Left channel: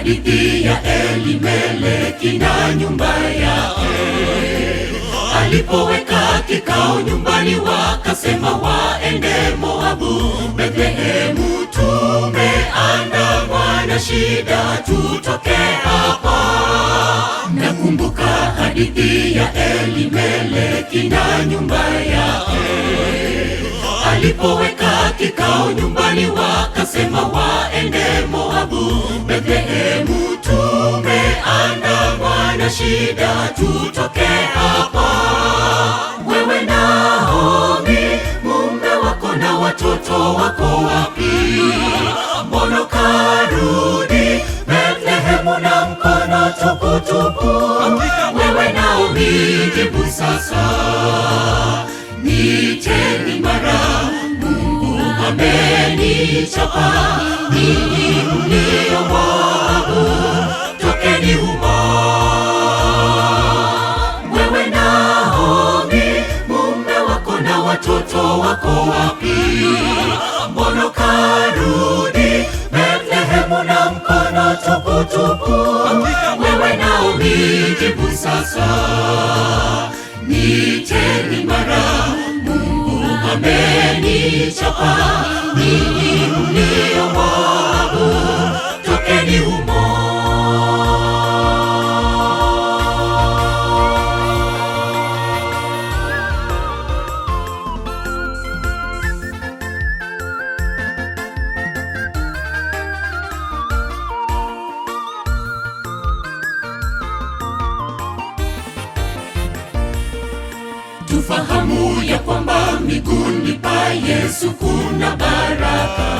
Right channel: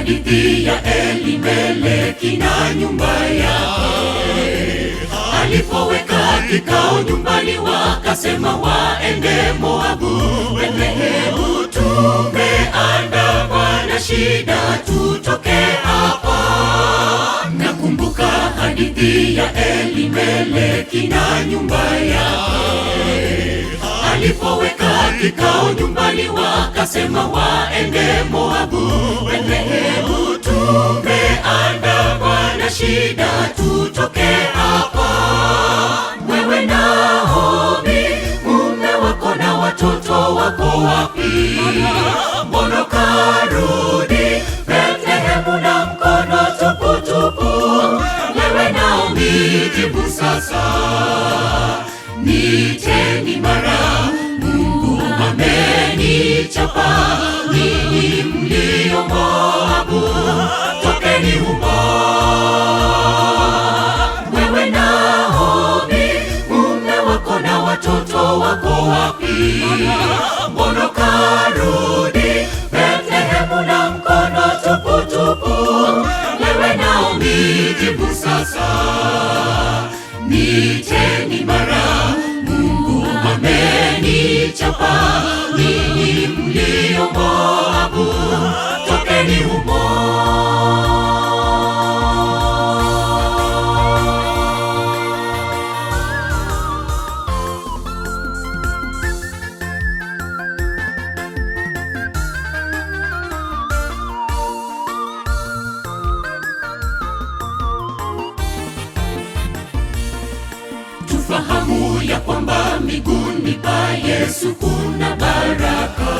hadithi ya Elimeleki na nyumba yake. Alipoweka kikao nyumbani, wakasema waende Moabu. Bethlehemu tumeandamwa na shida, tutoke hapa. Nakumbuka hadithi ya Elimeleki na nyumba yake. Alipoweka kikao nyumbani, wakasema waende Moabu. Bethlehemu tumeandamwa na shida, tutoke hapa. Wewe Naomi, mume wako na watoto wako wapi? Mbona karudi Bethlehemu na mkono tupu tupu? Wewe Naomi, jibu sasa. Niiteni mara, Mungu amenichapa. Ninyi mlio Moabu, tokeni humo. Wewe Naomi, mume wako na watoto wako wapi? Mbona karudi Bethlehemu na mkono tupu tupu? Wewe Naomi, jibu sasa. Niiteni mara, Mungu amenichapa. Ninyi mlio Moabu, tokeni humo. Tufahamu ya kwamba miguuni pa Yesu kuna baraka.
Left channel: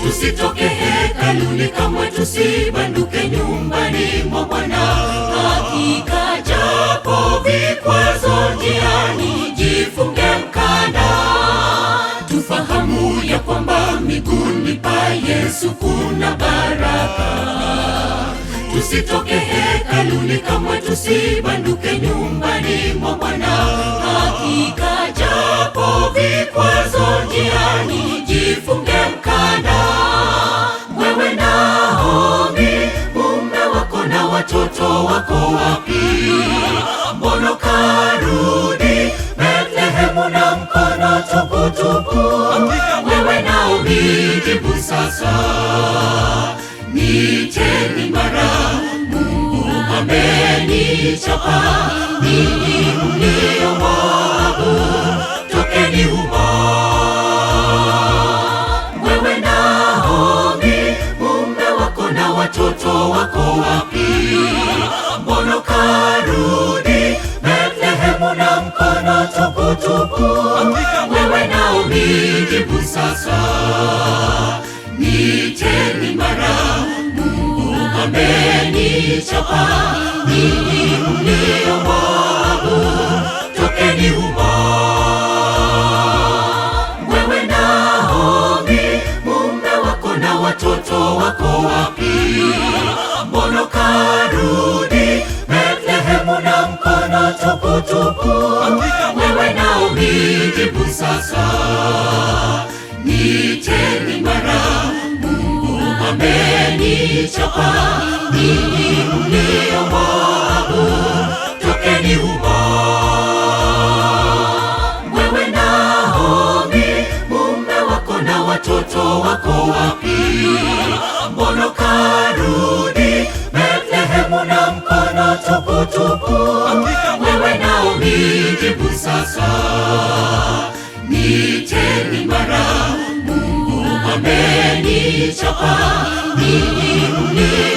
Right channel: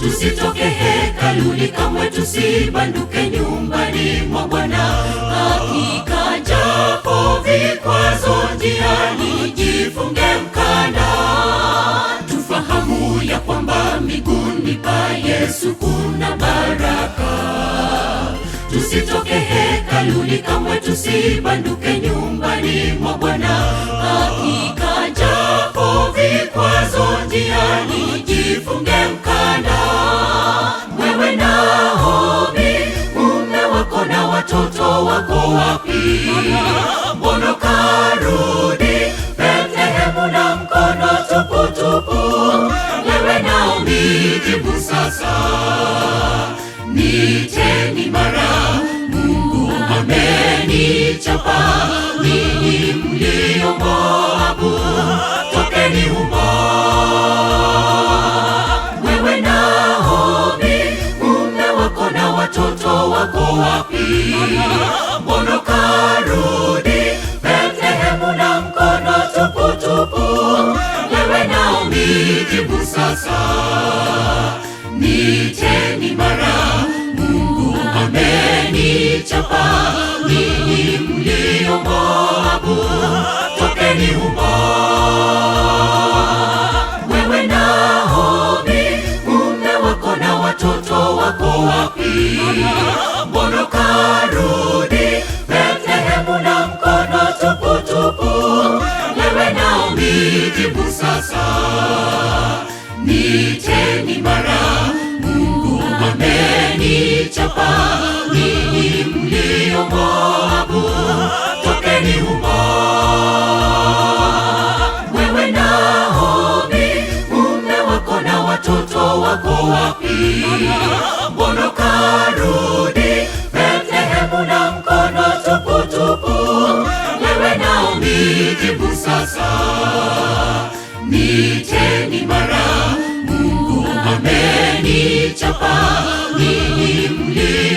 Tusitoke hekaluni kamwe, tusibanduke nyumbani mwa Bwana. Hakika japo vikwazo njiani, jifunge mkanda. Tufahamu ya kwamba miguuni pa Yesu kuna baraka. Tusitoke hekaluni kamwe, tusibanduke nyumbani mwa Bwana. Hakika japo vikwazo njiani, jifunge mkanda. Wewe Naomi, mume wako na watoto wako wapi? Mbona karudi Bethlehemu na mkono tupu tupu? Wewe Naomi, jibu sasa. Niiteni mara, Mungu amenichapa. Ninyi mlio Moabu, tokeni humo. Wewe Naomi, mume wako na watoto wako wapi? Mbona karudi Bethlehemu na mkono tupu tupu? Wewe Naomi, jibu sasa. Niiteni mara, Mungu amenichapa. Ninyi mlio Moabu, tokeni humo. Wewe Naomi, mume wako na watoto wako wapi? Mbona karudi Bethlehemu na mkono tupu tupu? Wewe Naomi, jibu sasa. Niiteni mara, Mungu amenichapa. Ninyi mlio Moabu, tokeni humo. Wewe Naomi, mume wako na watoto wako wapi? Mbona karudi Bethlehemu na mkono tupu tupu? Wewe Naomi, jibu sasa. Niiteni mara, Mungu amenichapa. Ninyi mlio